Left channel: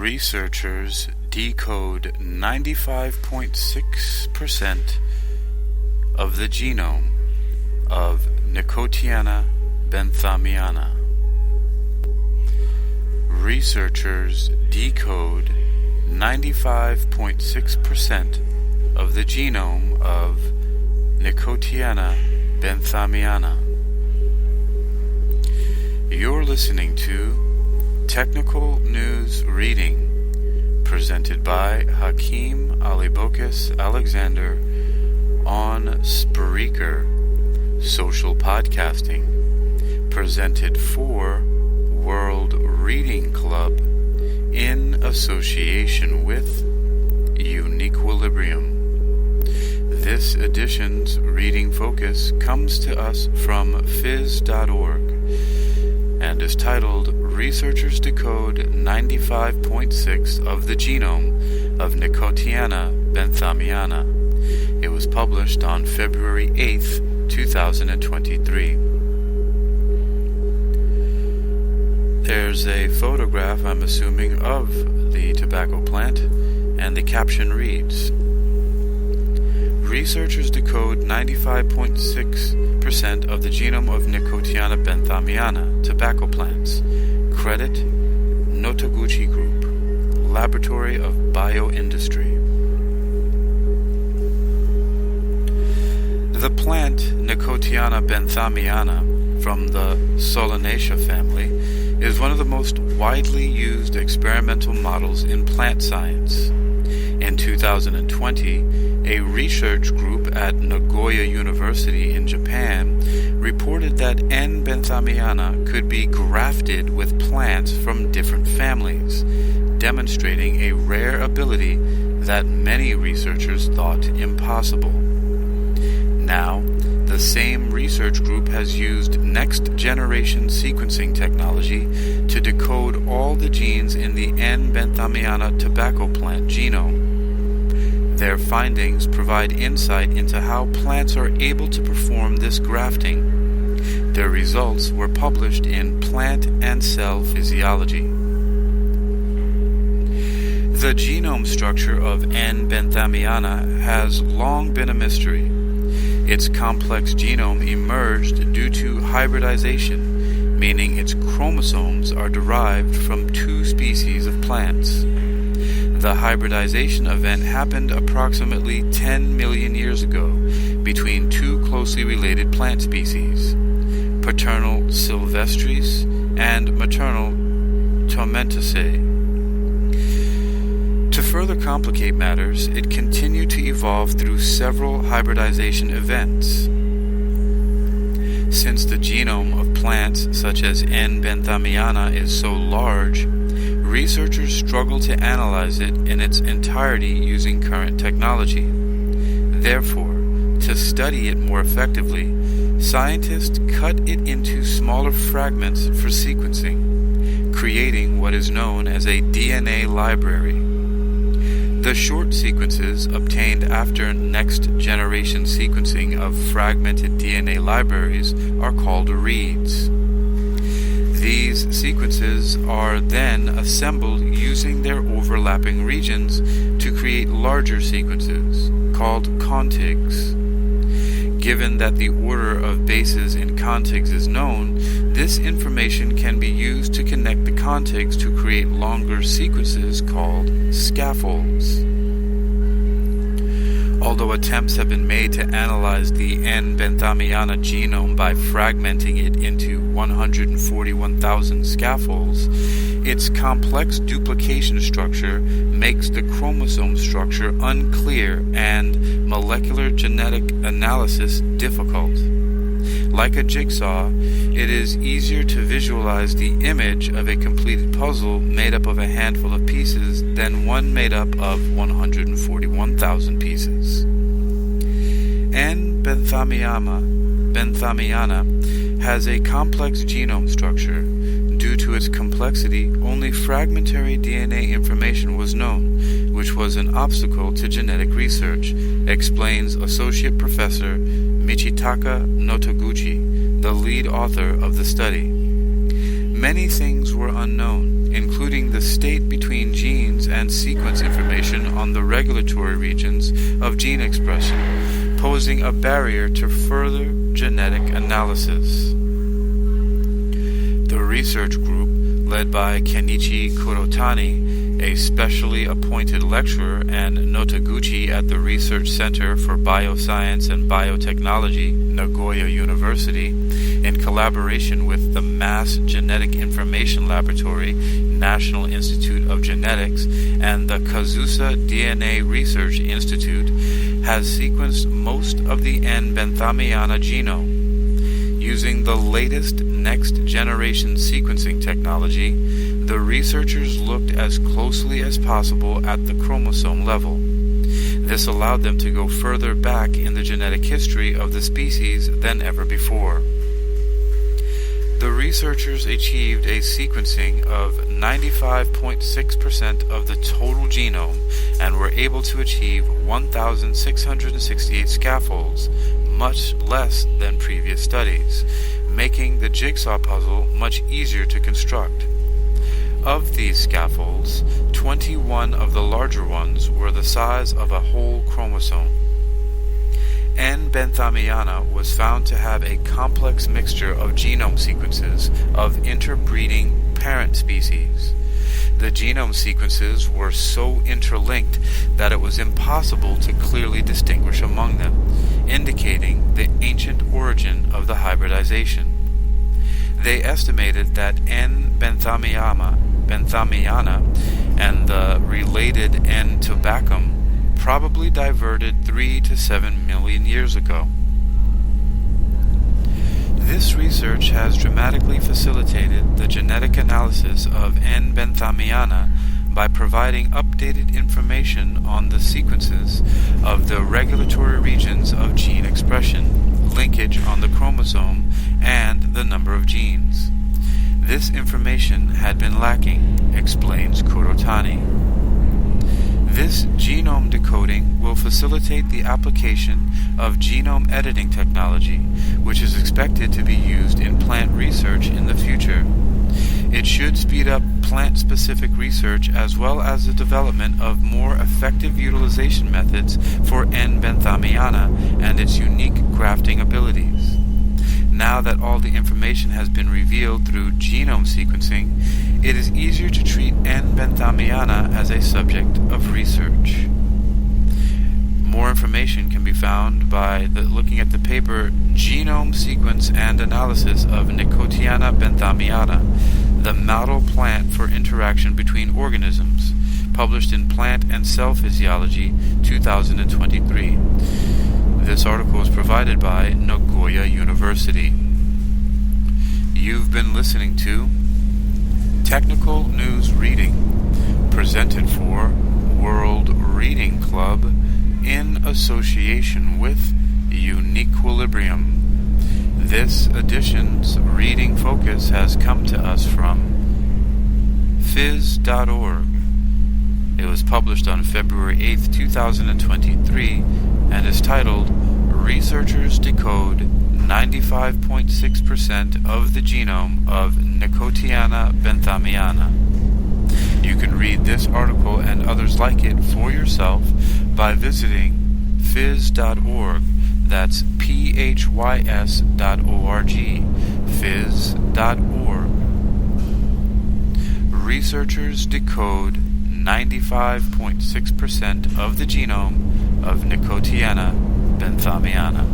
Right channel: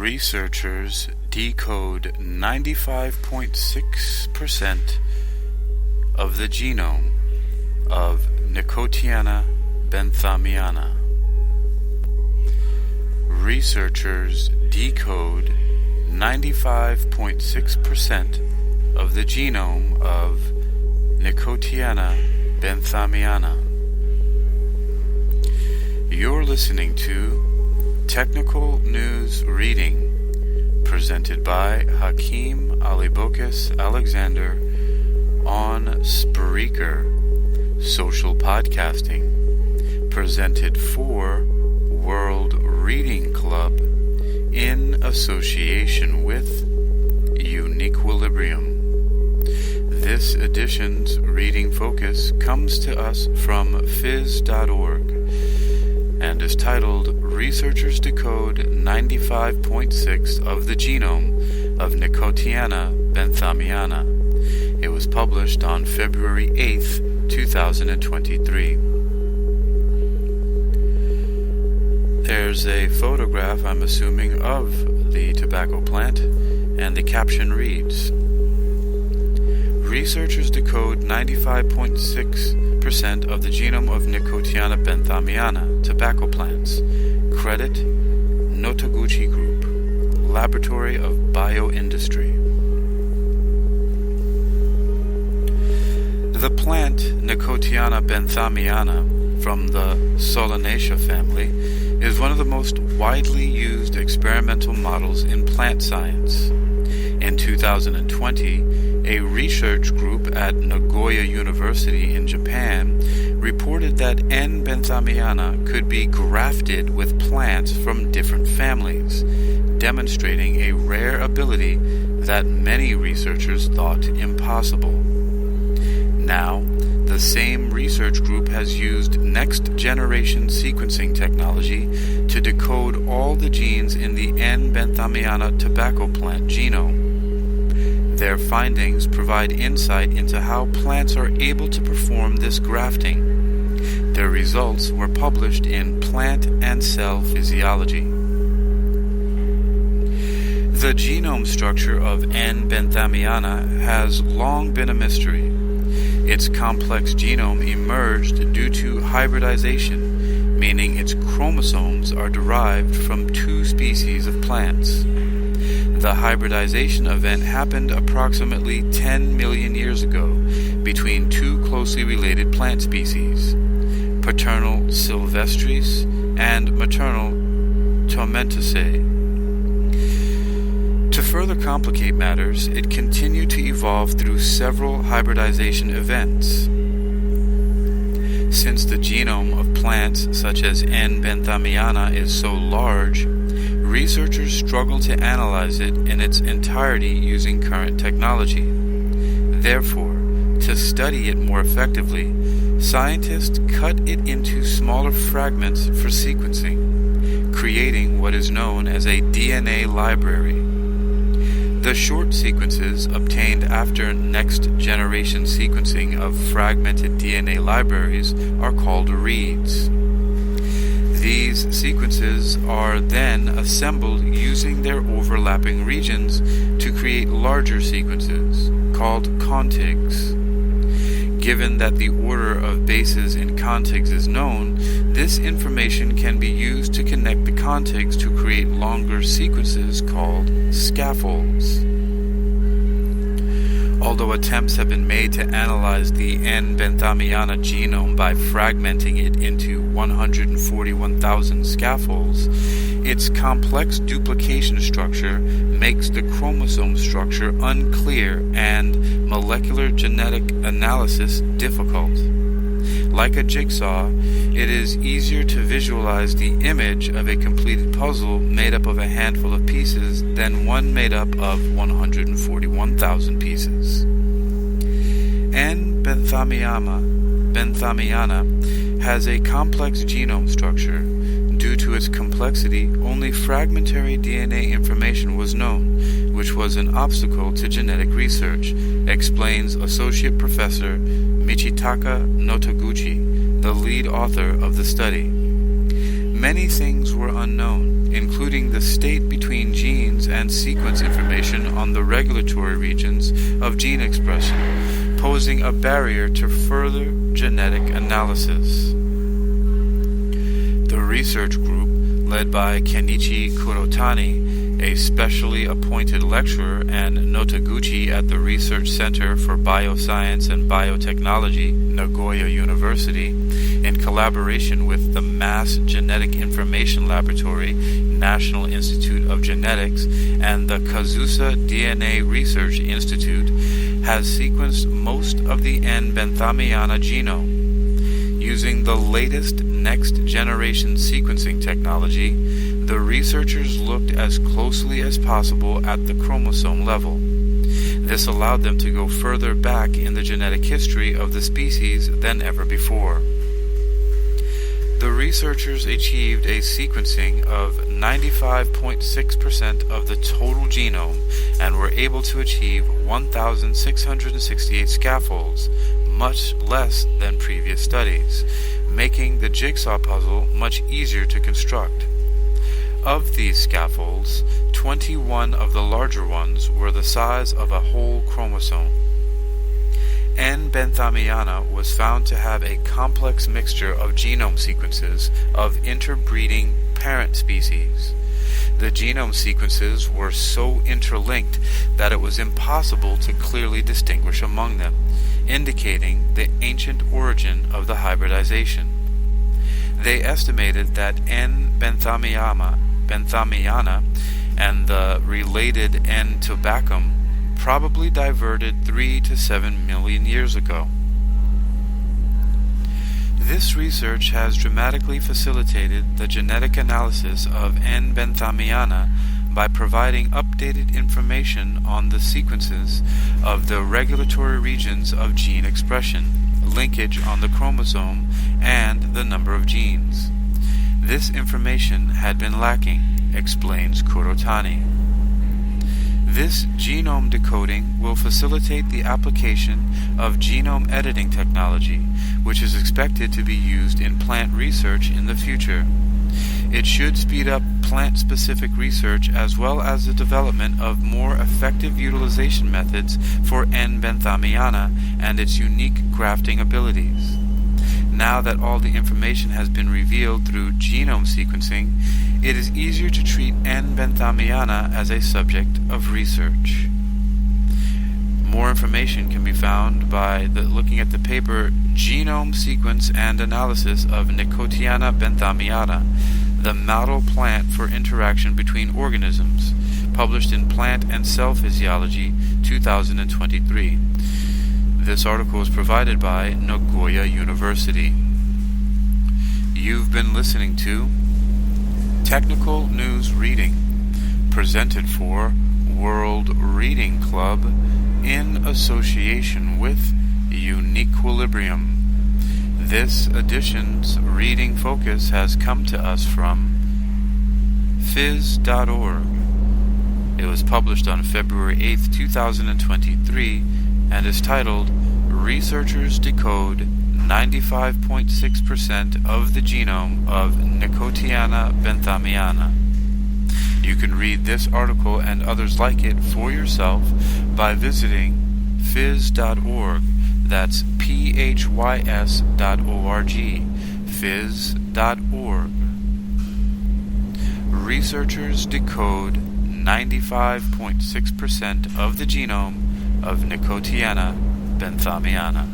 Researchers decode 95.6% of the genome of Nicotiana benthamiana. Researchers decode 95.6% of the genome of Nicotiana benthamiana. You're listening to Technical News Reading, presented by Hakeem Alibokis Alexander on Spreaker, social podcasting, presented for World Reading Club in association with Uniquilibrium. This edition's reading focus comes to us from phys.org and is titled Researchers Decode 95.6 of the Genome of Nicotiana benthamiana. It was published on February 8th, 2023. There's a photograph, I'm assuming, of the tobacco plant, and the caption reads, Researchers decode 95.6% of the genome of Nicotiana benthamiana, tobacco plants. Credit, Notoguchi Group, Laboratory of Bioindustry. The plant Nicotiana benthamiana from the Solanaceae family is one of the most widely used experimental models in plant science. In 2020, a research group at Nagoya University in Japan reported that N. benthamiana could be grafted with plants from different families, demonstrating a rare ability that many researchers thought impossible. Now, the same research group has used next-generation sequencing technology to decode all the genes in the N. benthamiana tobacco plant genome. Their findings provide insight into how plants are able to perform this grafting. Their results were published in Plant and Cell Physiology. The genome structure of N. benthamiana has long been a mystery. Its complex genome emerged due to hybridization, meaning its chromosomes are derived from two species of plants. The hybridization event happened approximately 10 million years ago between two closely related plant species, paternal Silvestris and maternal Tomentosae. To further complicate matters, it continued to evolve through several hybridization events. Since the genome of plants such as N. benthamiana is so large, researchers struggle to analyze it in its entirety using current technology. Therefore, to study it more effectively, scientists cut it into smaller fragments for sequencing, creating what is known as a DNA library. The short sequences obtained after next-generation sequencing of fragmented DNA libraries are called reads. These sequences are then assembled using their overlapping regions to create larger sequences, called contigs. Given that the order of bases in contigs is known, this information can be used to connect the contigs to create longer sequences called scaffolds. Although attempts have been made to analyze the N. benthamiana genome by fragmenting it into 141,000 scaffolds, its complex duplication structure makes the chromosome structure unclear and molecular genetic analysis difficult. Like a jigsaw, it is easier to visualize the image of a completed puzzle made up of a handful of pieces than one made up of 141,000 pieces. N. benthamiana benthamiana, has a complex genome structure. Due to its complexity, only fragmentary DNA information was known, which was an obstacle to genetic research, explains Associate Professor Michitaka Notoguchi, the lead author of the study. Many things were unknown, including the state between genes and sequence information on the regulatory regions of gene expression, posing a barrier to further genetic analysis. The research group, led by Kenichi Kurotani, a specially appointed lecturer, and Notoguchi at the Research Center for Bioscience and Biotechnology, Nagoya University, in collaboration with the Mass Genetic Information Laboratory, National Institute of Genetics, and the Kazusa DNA Research Institute, has sequenced most of the N. benthamiana genome. Using the latest next-generation sequencing technology, the researchers looked as closely as possible at the chromosome level. This allowed them to go further back in the genetic history of the species than ever before. The researchers achieved a sequencing of 95.6% of the total genome and were able to achieve 1,668 scaffolds, much less than previous studies, making the jigsaw puzzle much easier to construct. Of these scaffolds, 21 of the larger ones were the size of a whole chromosome. N. benthamiana was found to have a complex mixture of genome sequences of interbreeding parent species. The genome sequences were so interlinked that it was impossible to clearly distinguish among them, indicating the ancient origin of the hybridization. They estimated that N. benthamiana and the related N. tobacum probably diverted 3 to 7 million years ago. This research has dramatically facilitated the genetic analysis of N. benthamiana by providing updated information on the sequences of the regulatory regions of gene expression, linkage on the chromosome, and the number of genes. This information had been lacking, explains Kurotani. This genome decoding will facilitate the application of genome editing technology, which is expected to be used in plant research in the future. It should speed up plant-specific research as well as the development of more effective utilization methods for N. benthamiana and its unique grafting abilities. Now that all the information has been revealed through genome sequencing, it is easier to treat N. benthamiana as a subject of research. More information can be found by looking at the paper Genome Sequence and Analysis of Nicotiana benthamiana, the model plant for interaction between organisms, published in Plant and Cell Physiology, 2023. This article is provided by Nagoya University. You've been listening to Technical News Reading, presented for World Reading Club in association with Uniquilibrium. This edition's reading focus has come to us from phys.org. It was published on February 8, 2023, and is titled Researchers Decode 95.6% of the Genome of Nicotiana benthamiana. You can read this article and others like it for yourself by visiting phys.org. That's phys.org. phys.org. Researchers decode 95.6% of the genome of Nicotiana benthamiana.